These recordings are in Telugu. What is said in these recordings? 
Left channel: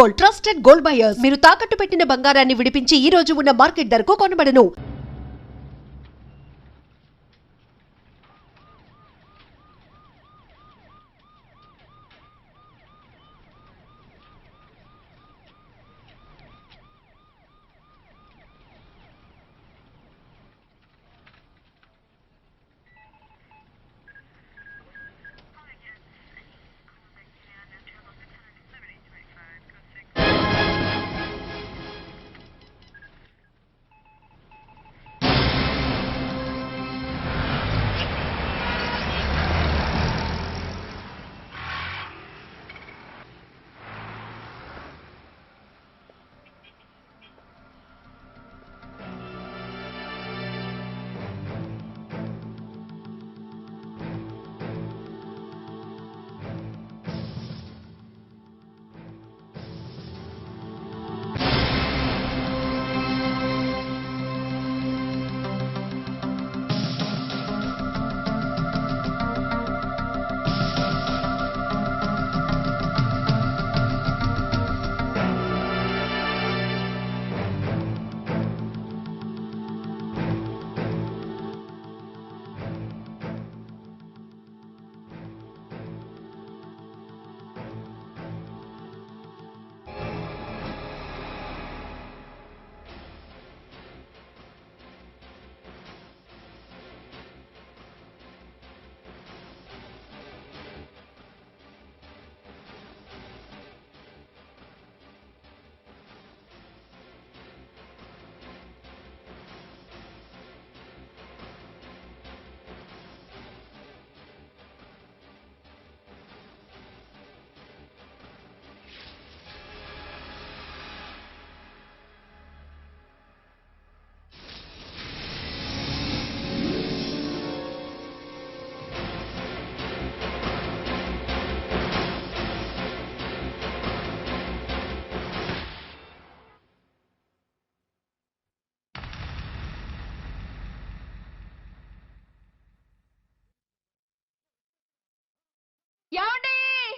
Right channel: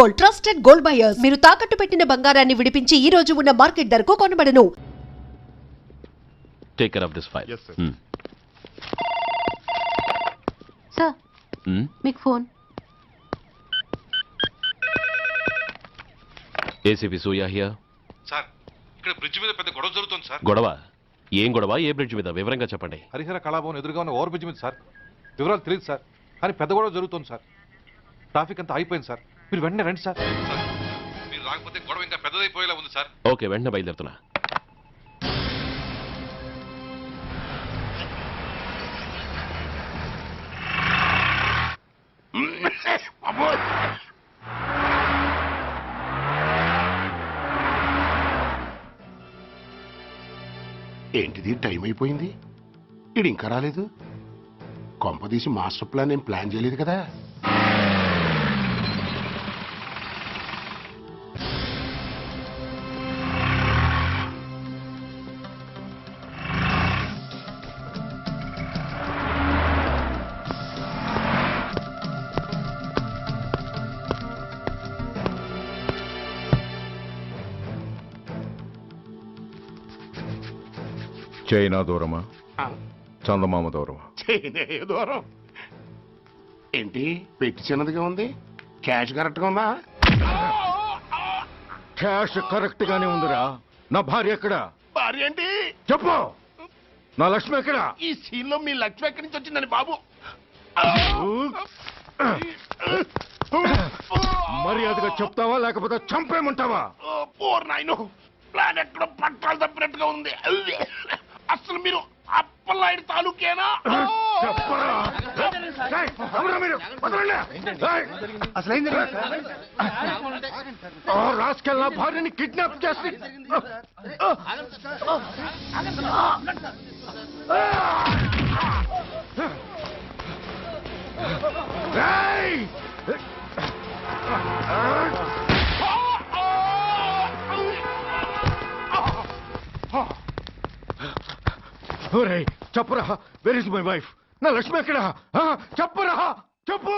Gold, trusted gold buyers. మీరు తాకట్టు పెట్టిన బంగారాన్ని విడిపించి ఈ రోజు ఉన్న మార్కెట్ ధరకు కొనబడను. Take care of this file. Yes, sir. Sir మీకు phone. ACP Suya here. Sir ఇక్కడ బ్రిడ్జ్ మీద పెద్ద గొడవ జరుగుతుంది సార్. గొడవ? ఏం గొడవ? ఏ బ్రిడ్జ్ మీద? వివరంగా చెప్పండి. హరిహర కళాభవన్ ఎదురుగా ఉన్న ఓవర్ బ్రిడ్జ్ మీద సార్. వివరాలు తెలియదు సార్, కానీ పెద్ద గొడవ జరుగుతుంది సార్. ట్రాఫిక్ అంతా అయిపోయింది సార్. మీరు వెంటనే రండి సార్. మీరు రాకపోతే గొడవ ఇంకా పెద్దదైపోయేలా ఉంది సార్. ఓకే, వెంటనే బయలుదేరుతున్నా. ఏంటిది, టైం అయిపోయింది, ఇది ఇంకా రాలేదు. కొంపదీసి మాస్టర్ ప్లాన్ ఏం ప్లాన్ చేయలేదు కదా. చైనా దూరమా, చందమామ దూరమా? చైనా దూరం ఏంటి, పెట్టి చిన్నదిగా ఉంది, క్యాష్ కరెక్ట్గా ఉందా? క్యాష్ కరెక్ట్ గానే ఉందిరా. నా భార్య ఎక్కడ? భార్య ఏంటి చెప్పు. నా లక్ష్మి ఎక్కడ? ఈ సీన్ లో మీ లక్ష్మి ఎక్కడి నుంచి వచ్చిందని బాబు. మర్యాదగా చెప్తావా లేకపోతే చంపేయమంటావా? ఓర్ నాయనో, ప్లాన్ ఎక్కడ పట్టాలు తప్పినట్టుగా ఉంది. అసలు మీరు అప్పలాయుడు తాలూకేనా? చెప్పరా. ఏయ్, ఎవరా మీరు? వదలండి. ఏయ్, ఆ రాస్కెల్ నా భార్యని కిడ్నాప్ చేసి చెప్పరా. Where is my wife? నా లక్ష్మి ఎక్కడ? చెప్పరా, చెప్పు.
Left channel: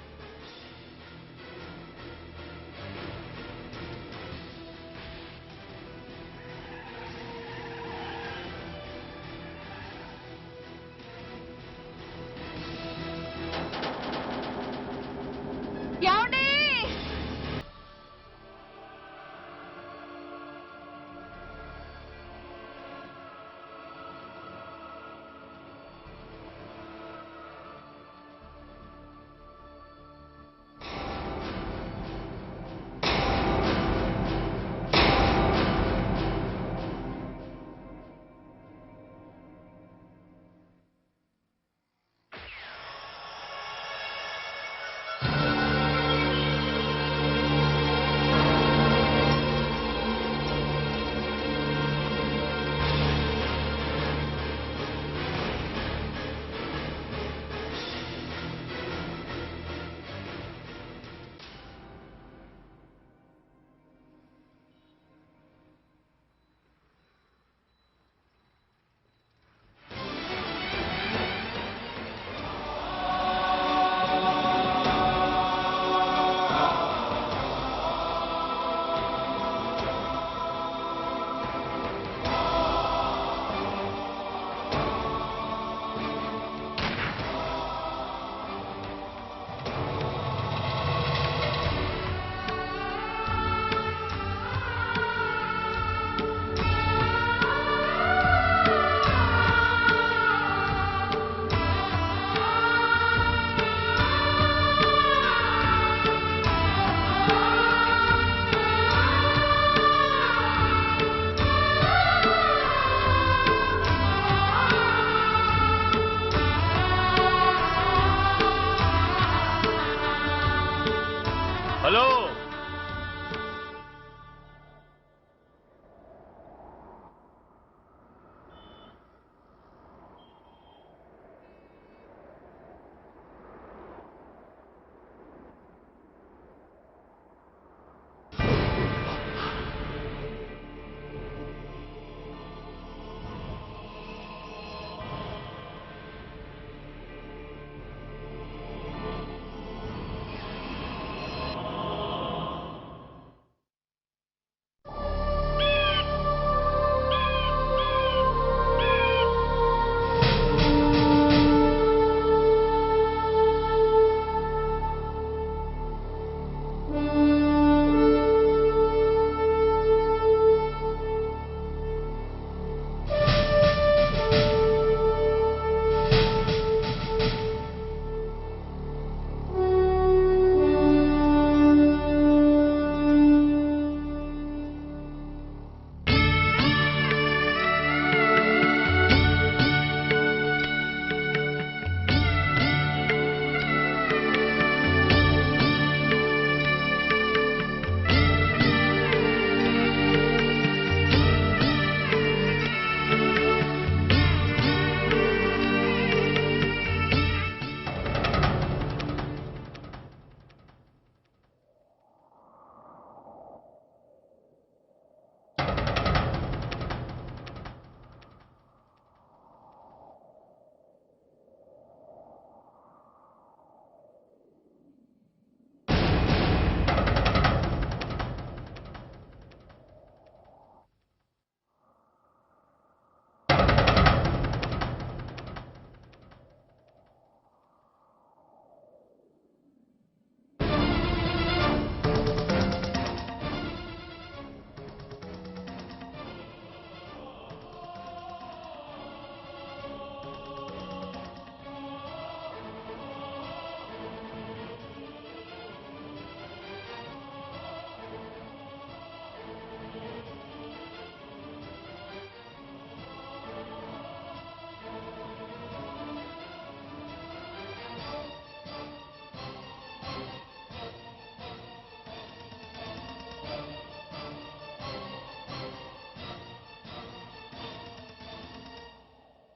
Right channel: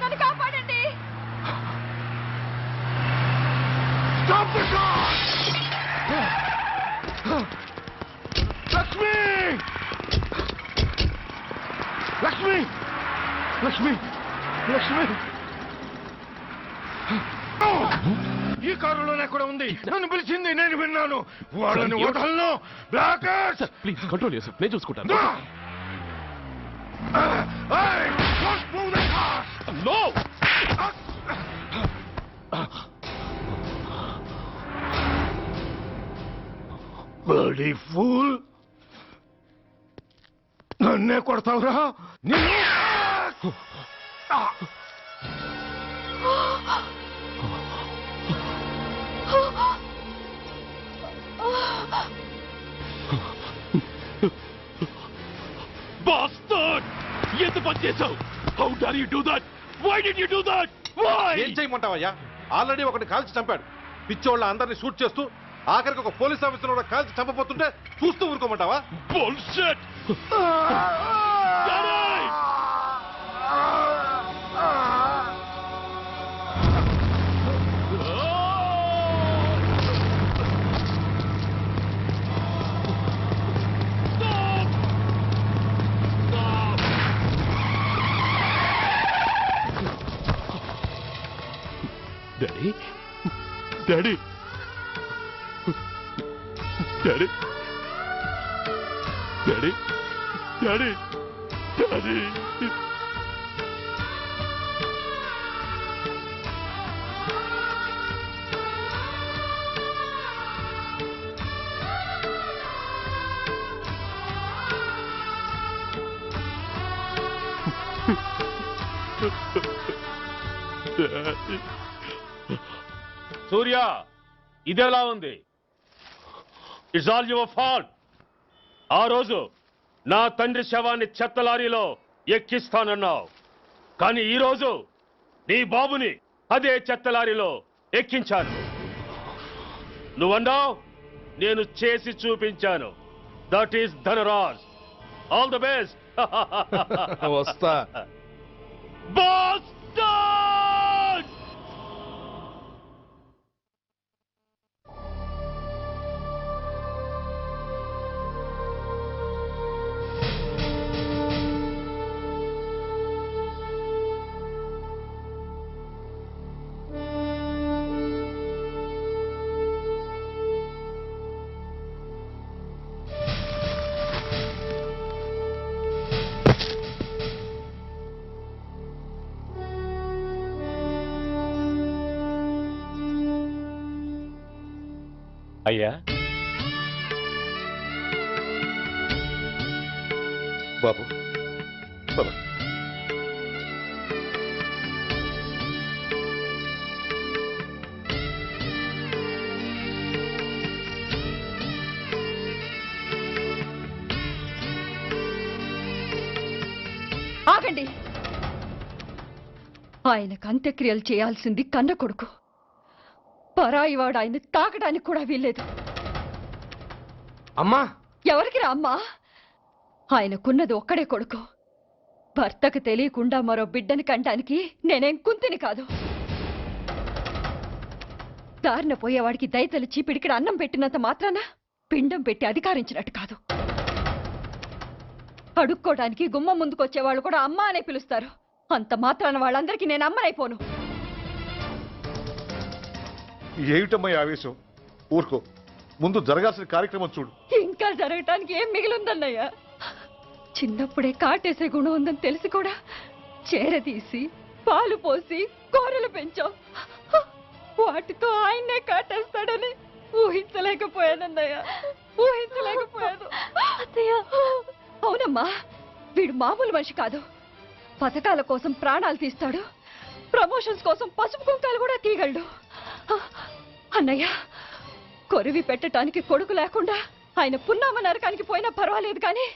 నన్ను కాపాడండి. లక్ష్మి, లక్ష్మి, లక్ష్మి, లక్ష్మి. ఈ కారులోనే కూడా ఉంది. నన్ను పిలిచింది, నేను విన్నాను. వాళ్ళని వదలను. బ్లాకర్స్, ప్లీజ్ కంట్రోల్ చేసి నేను చూసుకుంటాను. నో. బడీ ఫూల్, నన్నే కొడతావురా? ఎంత పని చేశావు? How dare you do that? Why did you do that? Why? ఏం చేయమంటావయ్యా? ఆల్రెడీ ఒకటి కాల్చి చంపాడు. పిచ్చోళ్ళ అందరినీ షూట్ చేస్తూ ఆఖరికి ఒక పోలీస్ ఆఫీసర్ కూడా కాల్చి చంపబోతుంటే చూస్తూ ఊరుకోమంటావా? Bullshit! Daddy, Daddy, Daddy, Daddy, Daddy, Daddy. Hello Surya, ఇదెలా ఉంది? It's all your fault. ఆ రోజు నా తండ్రి శవాన్ని చెత్త లారీలో ఎక్కిస్తానన్నావు, కానీ ఈరోజు నీ బాబుని అదే చెత్త లారీలో ఎక్కించాను. నువ్వన్నావు, నేను చేసి చూపించాను. That is Dhanraj. All the best. వస్తా. Bastard! అయ్యా బాబు బాబు ఆగండి. ఆయనకు అంత్యక్రియలు చేయాల్సింది కన్న కొడుకు. పరాయివాడు ఆయన తాకడానికి కూడా వీల్లేదు. అమ్మా ఎవరికి రా అమ్మా? ఆయనకున్నది ఒక్కడే కొడుకు. భర్తకు తెలియకుండా మరో బిడ్డని కంటానికి నేనేం కుంతిని కాదు. దారిన పోయేవాడికి దయతలిచి పిడికిడ అన్నం పెట్టినంత మాత్రాన పిండం పెట్టి అధికారించినట్టు కాదు. అడుక్కోవడానికి గుమ్మం ముందుకొచ్చేవాళ్ళు కూడా అమ్మ అనే పిలుస్తారు. అంత మాత్రాన వాళ్ళందరికీ నేను అమ్మనైపోను. ఏమిటమ్మా ఈ ఆవేశం? ఊరుకో, ముందు జరగాల్సిన కార్యక్రమం చూడు. ఇంకా జరగటానికి ఏం మిగిలిందన్నయ్య? చిన్నప్పుడే కాటేసే గుణం ఉందని తెలిసి కూడా చేరదీసి పాలు పోసి కూరలు పెంచాం. వాటితో ఆయన్నే కాటేస్తాడని ఊహించలేకపోయానన్నయ్య, ఊహించలేకపోయాను. అవునమ్మా, వీడు మామూలు మనిషి కాదు. పథకాల కోసం ప్రాణాలు తీస్తాడు, ప్రమోషన్స్ కోసం పసుపు కుంకాలు కూడా తీయగలడు. అన్నయ్య, కొరివి పెట్టడానికి కొడుకు లేకుండా ఆయన పున్నామ నరకానికి పోయినా పర్వాలేదు, కానీ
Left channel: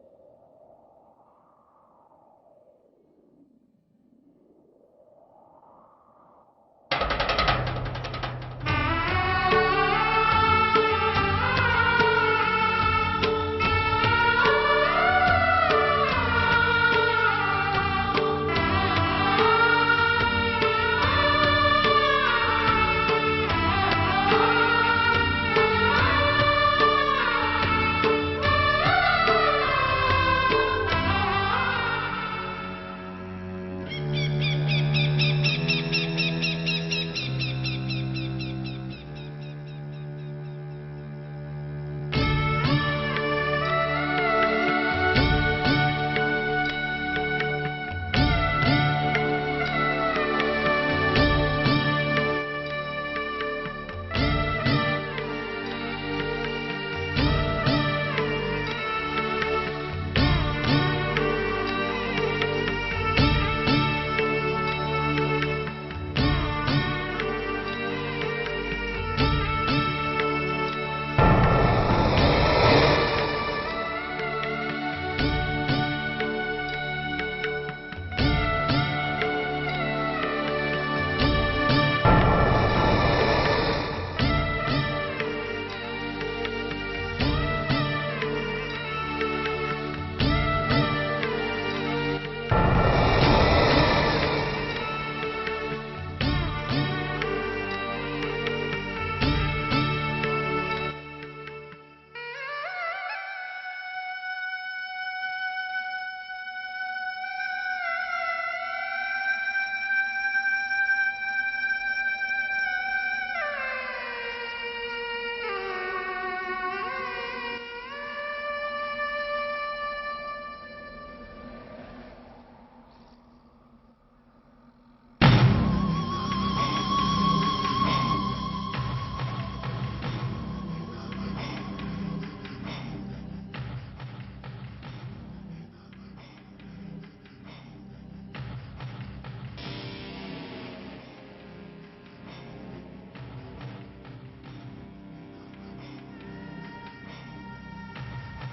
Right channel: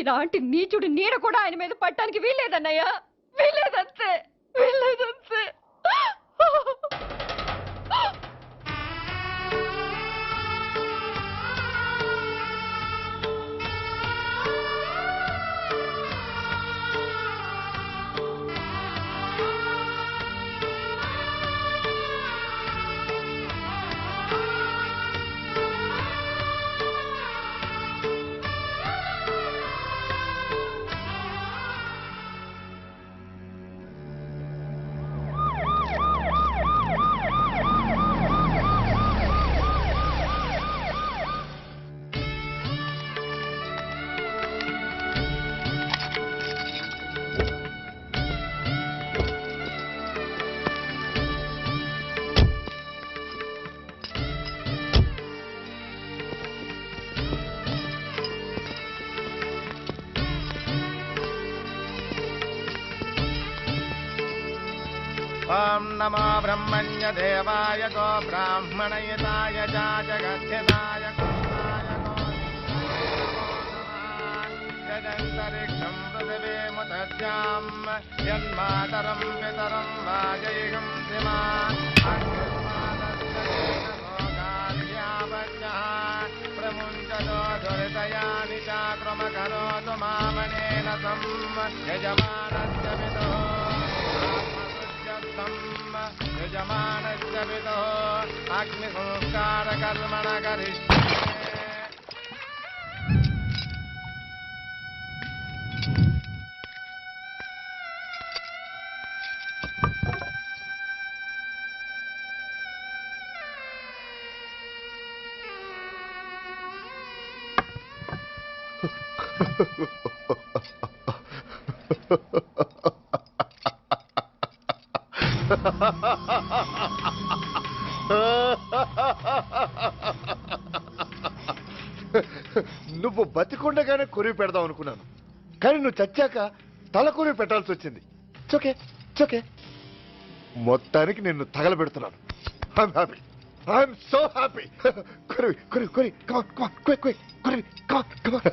ఇలాంటి నీచుడు నీడ కూడా ఆయన మీద పట్టడానికి వీల్లేదన్నయ్య, వీల్లేదంతే, వీల్లేదంతే. నువ్వు బతికుండగానే కొరివి పెడదాం అనుకున్నాను, కానీ నువ్వు చచ్చాక తల కొరివి పెట్టాల్సి వచ్చింది. చోకే చోకే, మొత్తానికి నిన్ను తగలబెడుతున్నాను. I'm happy, I'm so happy. కొరివి కొరివి కొరివి, కమాన్ కమాన్, క్విక్ క్విక్, కొరివి, come on come on.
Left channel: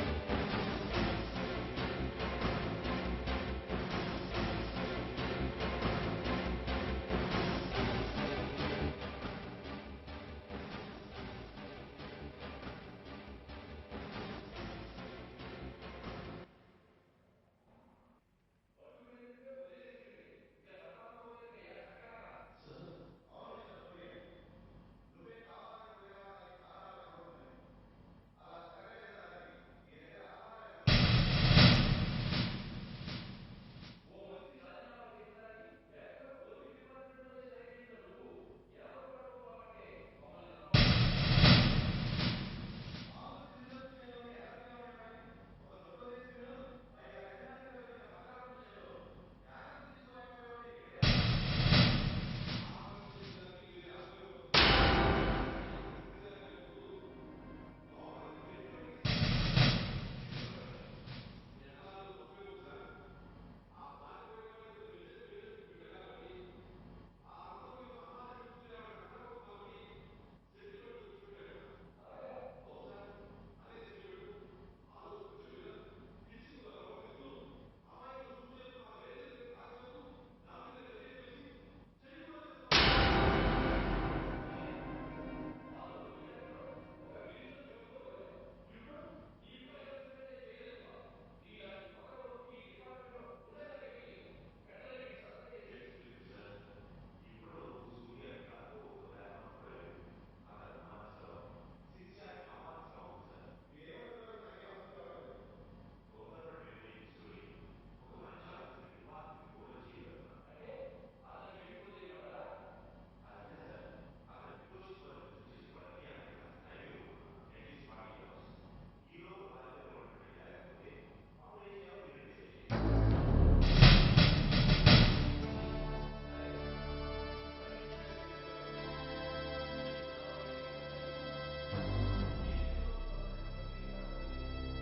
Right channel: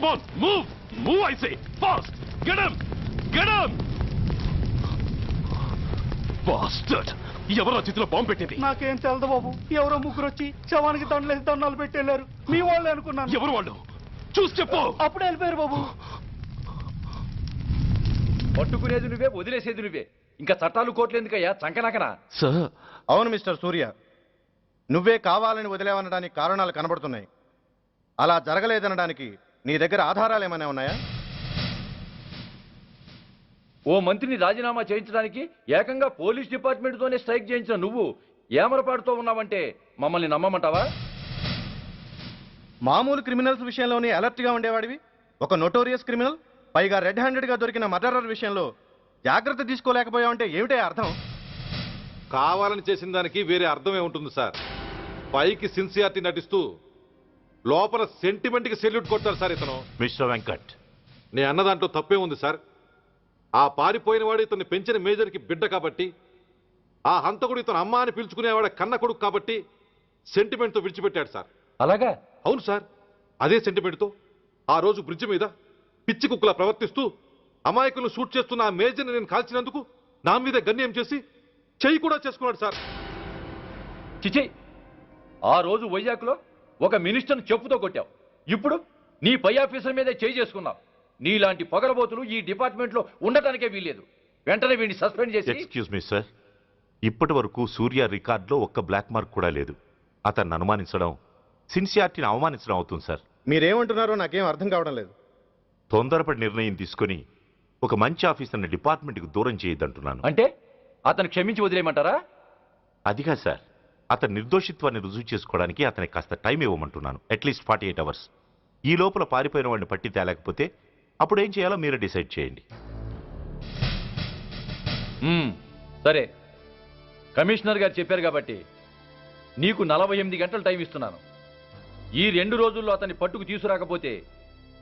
Come on, move! Move, I say! Fast! Get him! Get him! Bastard! ఎవరో చేతిలో బాంబు పెట్టింది? నాకేం తెలదు బాబు. ఎవరో ముగ్గురు వచ్చి శవానికి దండలేసి దండాలు పెట్టేళ్ళారు. మీ వాళ్ళే అనుకున్నాను. ఎవరు వాళ్ళు? చూసి చెప్పు. అప్పుడే వెళ్ళిపోయారు బాబు. పట్టుకునేది నువ్వే, వదిలేసేది నువ్వే. ఇంకా చట్టాలు కోట్లు ఎందుకయ్యా చంకనాకనా? సార్, అవును మిస్టర్ సూర్య, నువ్వే కావాలని వదిలేవనడానికి కారణాలు కనబడుతున్నాయి. అలా జరగలేదనడానికి నీ దగ్గర ఆధారాలు ఏమైనా ఉన్నాయా? ఓ మంత్రిని రాజీనామా చేయించడానికి ఏకంగా పోలీస్ డిపార్ట్మెంట్తోనే స్ట్రైక్ చేయించిన నువ్వు ఏమరపాటుతో ఉన్నావంటే మమ్మల్ని నమ్మమంటావా? మామూలు క్రిమినల్స్ విషయంలోనే అలర్ట్గా ఉండేవాడివి, ఒక నోటోరియస్ క్రిమినల్, పైగా రెడ్ హ్యాండెడ్గా దొరికిన మర్డరర్ విషయంలో జాగ్రత్త తీసుకోలేకపోయావంటే ఏమిటే అర్థం? కావాలని చేసిన దానికి వేరే అర్థమే ఉంటుంది సార్. పైకి సిన్సియారిటీ నటిస్తూ లోపల సెంటిమెంట్కి సెల్యూట్ కొడతారు సార్ ఇతను. మిస్టర్ వెంకట్, నే అన్న దాంట్లో తప్పే ఉంది సార్. ఆ పారిపోయిన వాడు ఇతన్ని పెంచిన మేజర్కి బిడ్డ కాబట్టి, ఆ హంతకుడు ఇతను అమ్మ అని పిలుచుకునేవాడు కన్న కొడుకు కాబట్టి సెంటిమెంట్తో విడిచిపెట్టాడు సార్. అలాగా? అవును సార్. అదే సెంటిమెంట్తో ఆ రోజు బ్రిడ్జ్ మీద పిచ్చి కుక్కలా ప్రవర్తిస్తూ అమాయకులను షూట్ చేస్తున్న ఆ మేజర్ని నేను కాల్చినందుకు నా మీద గన్యం చేసి చెయ్యి కూడా చేసుకున్నాడు సార్. చిచి, ఆ రోజు వైజాగ్లో ఒక మినిస్టర్ని చెప్పుతో కొట్టావు, ఇప్పుడు నీ పై ఆఫీసర్ మీదే చేయి చేసుకున్నావు. నీలాంటి పొగరబోతులు ఈ డిపార్ట్మెంట్లో ఉండటానికే వీల్లేదు. వెంటనే వీడిని సస్పెండ్ చేసి. ఎక్స్క్యూజ్ మీ సార్, ఇప్పటి వరకు సూర్య రికార్డులో ఒక్క బ్లాక్ మార్క్ కూడా లేదు. అతన్ని అనుమానించడం సిన్సియారిటీని అవమానించడం అవుతుంది సార్. మీరేమంటున్నారో నాకేం అర్థం కావడం లేదు. తొందరపడి నిర్ణయం తీసుకొని ఒక మంచి ఆఫీసర్ని డిపార్ట్మెంట్కి దూరం చేయొద్దంటున్నాను. అంటే అతను క్షమించి వదిలేయమంటారా? అదిగా సార్, అతని నిర్దోషిత్వాన్ని రుజువు చేసుకోవడానికి అతనికి కాస్త టైం ఇవ్వమంటున్నాను. At least 48 hours. ఈ లోపల పారిపోయిన వాడిని పట్టి తేలేకపోతే అప్పుడు ఏం చేయాలో మీరే డిసైడ్ చేయండి. సరే, కమిషనర్ గారు చెప్పారు కాబట్టి నీకు 48 గంటలు టైం ఇస్తున్నాను. ఈ 2 రోజుల్లో అతన్ని పట్టుకు తీసుకురాకపోతే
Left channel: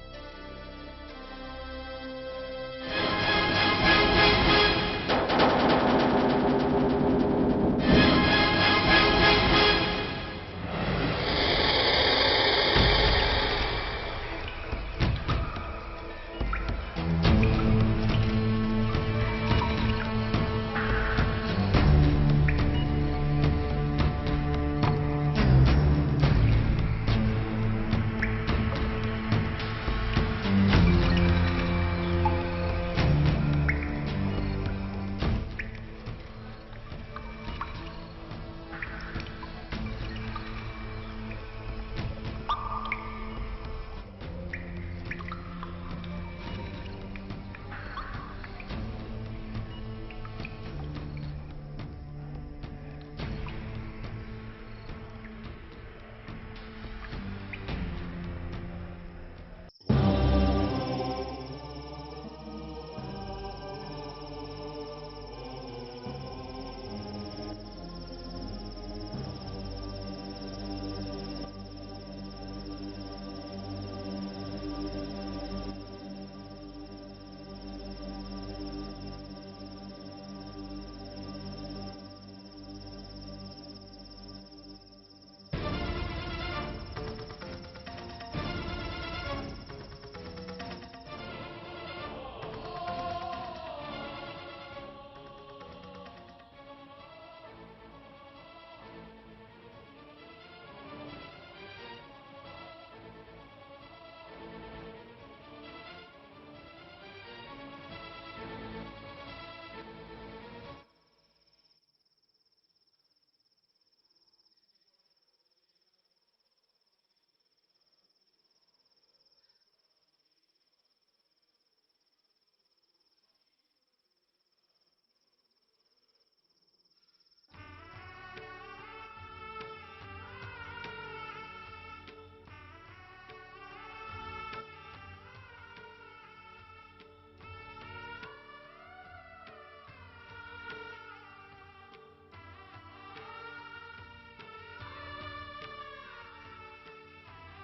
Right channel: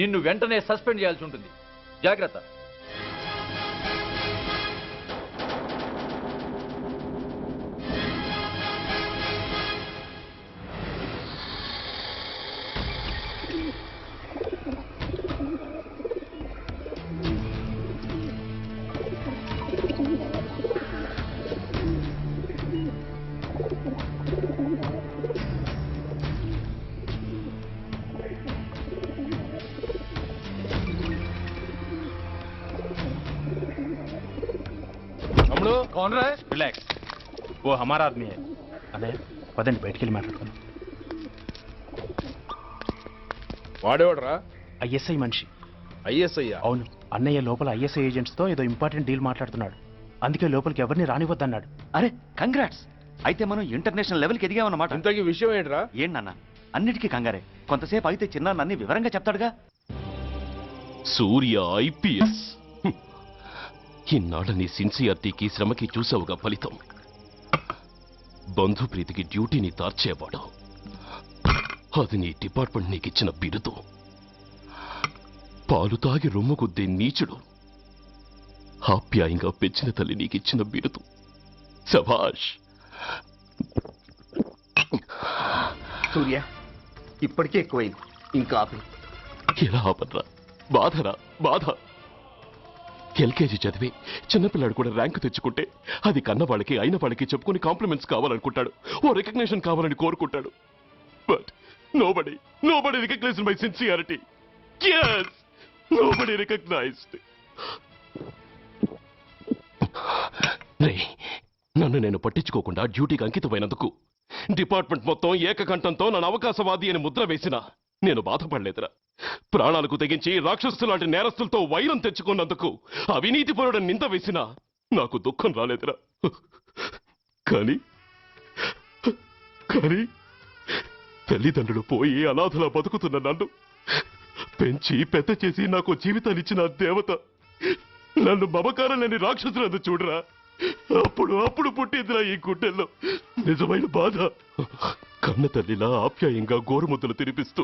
నిన్ను వెంటనే సస్పెండ్ చేయాల్సి ఉంటుంది. జాగ్రత్త. कौन रहा है? रिलैक्स, वो हमारा आदमी है. పదండి బయటికి వెళ్ళి మాట్లాడుకో. వాడేవాడరా? ఐఎస్ఐ మనిషి. ఐఎస్ఐ? అవును, అన్నయ్య లోపల ఐఎస్ఐ ఏజెంట్స్తో ఏదో ఇంపార్టెంట్ డీల్ మాట్లాడుతున్నాడు. అందుకే లోపలికి ఎవరిని రానివద్దన్నాడు. అరే కంగ్రాట్స్, అయితే మనం ఇంటర్నేషనల్ లెవెల్కి ఎదిగామన్నమాట. ఇంతకీ విషయం ఏంట్రా? ఏంటన్నా అన్నిటికీ కంగారే, కొంతసేపు అయితే చిన్న అన్ని వివరంగా చెప్తాడుగా. సూర్య ఐపీఎస్. ఇన్నాళ్ళ నీ సిన్సియారిటీకి శ్రమకి చూసావుగా ఫలితం. బంధుప్రీతికి డ్యూటీని తార్చేవాడు. అది నీ డిపార్ట్మెంట్ నీకిచ్చిన బిరుదు. పాలు తాగి రొమ్ము కొద్దే నీచుడు ఆప్యాయంగా పెంచిన తల్లి నీకిచ్చిన బిరుదు. శభాష్. సూర్య, ఇప్పటికే ఎక్కువైంది, ఇంకా ఎలా ఆపట్రా? బాధరా బాధ. ఎల్కేజీ చదివి చిన్నపిల్లాడు కూడా ర్యాంకు తెచ్చుకుంటే అది కన్న వాళ్ళకి అయిన వాళ్ళకి చెప్పుకుని కాంప్లిమెంట్స్ కావాలనుకుంటాడు, ఓ రికగ్నిషన్ కావాలని కోరుకుంటాడు. But nobody recognized my sincerity. yes, nobody recognized. నన్ను నేను పట్టించుకోకుండా డ్యూటీకి అంకితమైనందుకు డిపార్ట్మెంట్ మొత్తం ఏకకంఠంతో నన్ను అవకాశవాది అని ముద్ర వేసినా నేను బాధపడలేదురా. ప్రాణాలకు తెగించి రాక్షసులు లాంటి నేరస్తులతో వైరం తెచ్చుకున్నందుకు అవినీతి పరుడని నింద వేసినా నాకు దుఃఖం రాలేదురా. కానీ తల్లిదండ్రులు పోయి అనాథలా బతుకుతున్న నన్ను పెంచి పెద్ద చేసి నాకు జీవితాన్నిచ్చిన దేవత నన్ను మమకారం లేని రాక్షసులందు చూడరా. అప్పుడు పుట్టిందిరా ఈ గుడ్డెల్లో నిజమైన బాధ. కన్న తల్లిలా ఆప్యాయంగా గోరుముద్దలు తినిపిస్తూ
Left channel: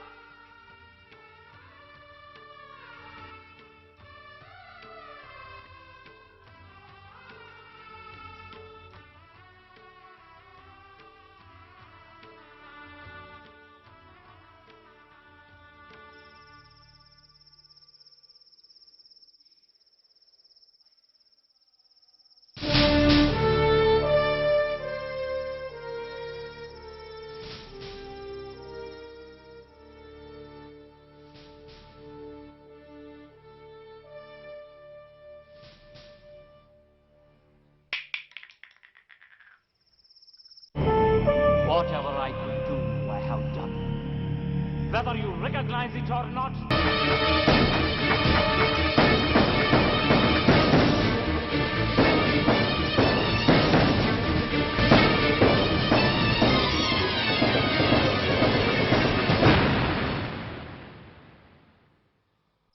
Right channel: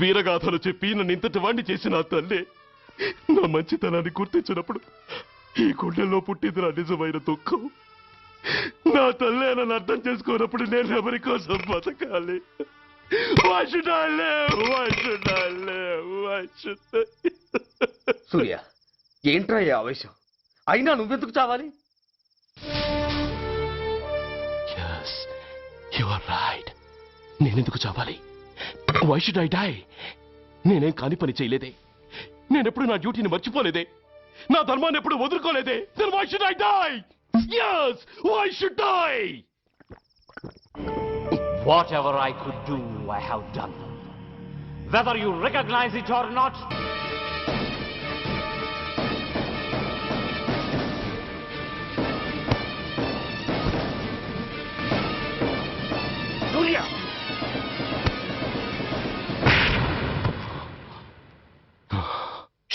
వీరగాథలు చెప్పి నన్ను ఇంతటి వాణ్ణి చేసిన ఆ తల్లే నా మంచితనాన్ని గుర్తించినప్పుడు ఈ గుండెల్లో పుట్టిందిరా నిజమైన దుఃఖం. నా తల్లే నన్ను అర్థం చేసుకోనప్పుడు నేను ఎవరి కోసం బతకాలి? Why should I live? Why should I live? I should die. సూర్య ఏంట్రా ఈ ఆవేశం? అయినా నువ్వెందుకు చావాలి? Yes, you are right. నేనెందుకు చావాలి? Why should I die? నేనేం కాని పని చేయలేదే. నేనెప్పుడు నా డ్యూటీని మర్చిపోలేదే. నా ధర్మాన్ని ఎప్పుడు వదులుకోలేదే. Then why should I die? Yes, why should I? Whatever I could do, I have done. Whether you recognize it or not.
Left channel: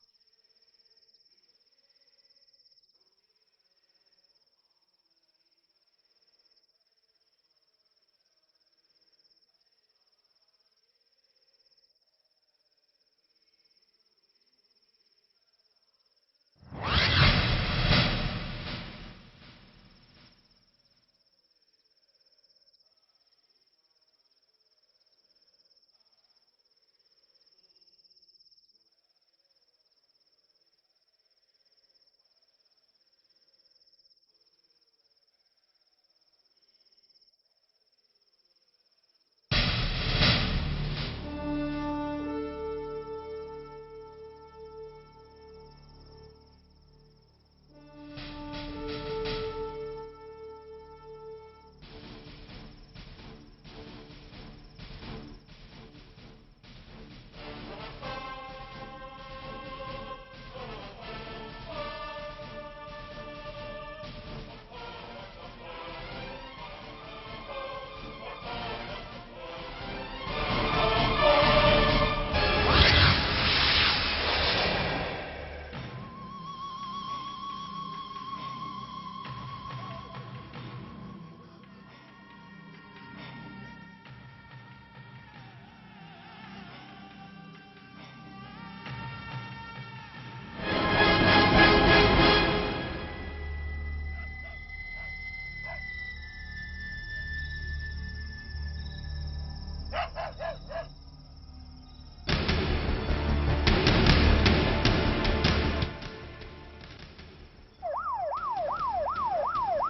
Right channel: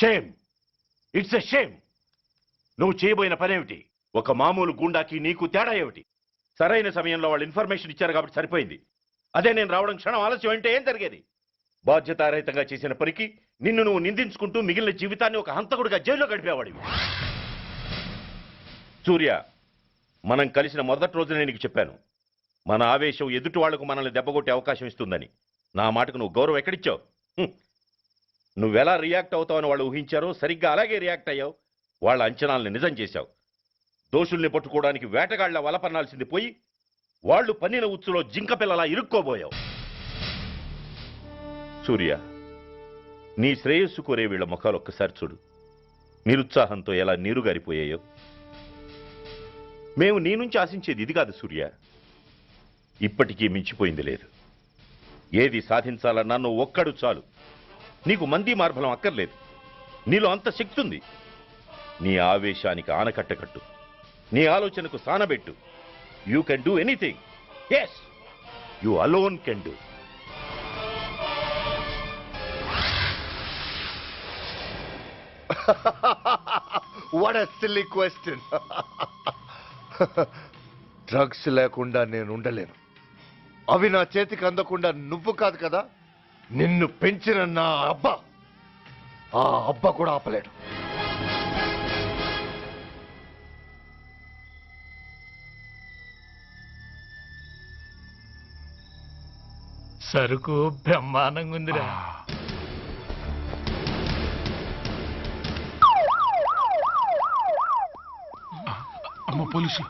Shame, it's a shame. నువ్వు చేయబోయిన పనేమిటి? ఒక మామూలు గుండాకి నీకు తేడా ఏమిటి? సరైన సమయంలో వాళ్ళు ఇన్ఫర్మేషన్ ఇచ్చారు కాబట్టి సరిపోయింది. అదే నేను రావడం క్షణం ఆలస్యం అంటే ఏం జరిగేది? బాధ్యతారహితంగా చేసిన పనికి నిన్ను నువ్వు నిందించుకుంటూ మిగిలిన జీవితాన్ని ఒక హంతకుడిగా జైల్లో గడిపేవాడివి. సూర్య, మనం కలిసిన మొదటి రోజునే నీకు చెప్పాను, మన ఆవేశం ఎదుటి వాళ్లకు మనల్ని దెబ్బగొట్టే అవకాశం ఇస్తుందని. నా మాటకు నువ్వు గౌరవం ఎక్కడిచ్చావు? నువ్వెలా రియాక్ట్ అవుతావని వాళ్ళు ఊహించారో సరిగ్గా అలాగే రియాక్ట్ అయ్యావు. వాళ్ళ అంచనాల్ని నిజం చేశావు. దోషుల్ని పట్టుకోవడానికి వేటగాళ్ల వలపన్నాల్సింది పోయి వాళ్ళు పన్నిన ఉచ్చులో జింక పిల్లలా ఇరుక్కోబోయావు. సూర్య, నీ శ్రేయస్సు కోరే వీళ్ళ ముఖాలు ఒక్కసారి చూడు. నిరుత్సాహంతో ఎలా నీరుగారిపోయాయో. మేము నీ నుంచి ఆశించేది ఇది కాదు సూర్య. ఇప్పటికీ మించిపోయింది లేదు. ఏది సాధించాలన్నా నువ్వు ఒక్కడు చాలు. నీకు మంది మార్బలం అక్కర్లేదు. నీలో అంత శక్తి ఉంది. నీ ఆవేశానికి ఆనకట్ట కట్టు. నీ ఆలోచనకు సానబెట్టు. You can do anything. Yes, you alone can do. What a silly question. Drugs లేకుండా నేను ఉండలేను. అవి నా చేతికి అందకుండా నువ్వు కాదు కదా, నిన్ను పెంచిన నా అబ్బ, ఆ అబ్బ కూడా ఆపలేడు. సరుకు బ్రహ్మాండంగా ఉందిరా. అమ్మ పోలీసు.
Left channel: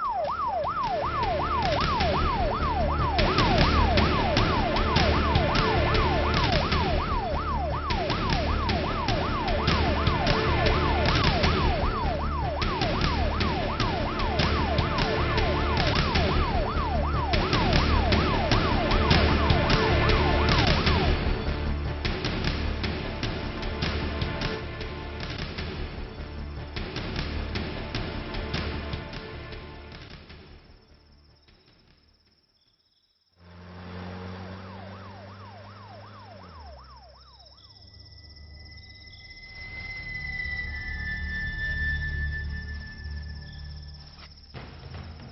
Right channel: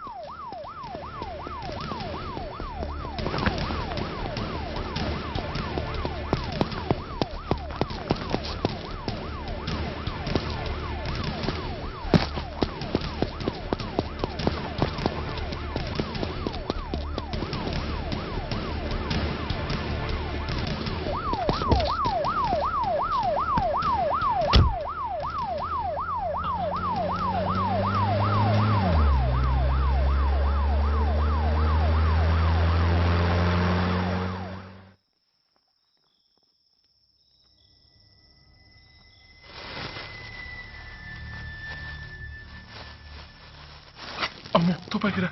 అమ్మో తుపాకిరా.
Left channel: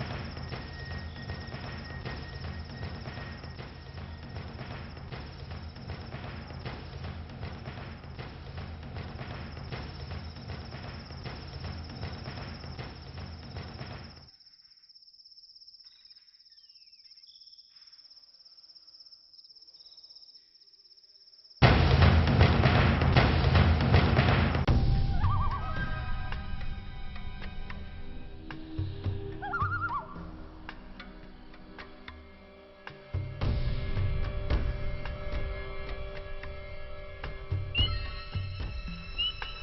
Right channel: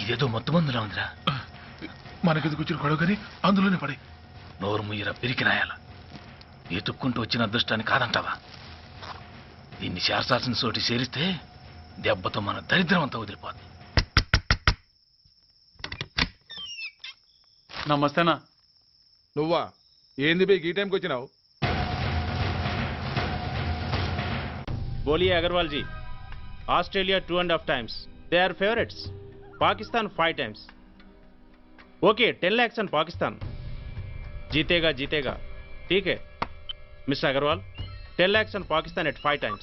ఇదేదో మొత్తం మందులా ఉందిరా. మనకెందుకు వచ్చిన గొడవ కానీ అందులోనే పడే. నోరు ముయ్యరా పిరికి నాయాల. ఎతుక్కుంటూ వచ్చిన అదృష్టాన్ని కాదంటావా? దీన్ని చేర్చాల్సిన చోటి చేరిస్తే దెబ్బతో మన దరిద్రం అంతా వదిలిపోదు. నమస్తేనా. నువ్వా? ఏంది బే ఈ టైంకి వచ్చినావు? बोलिए Agarwal ji. Australia 2.5 times. They are favorites. Pakistan 5 times. Okay, 10 lakhs on Pakistan. जीतेगा जीतेगा. ठीक है mister Agarwal, 10 lakhs on Pakistan at 5 times.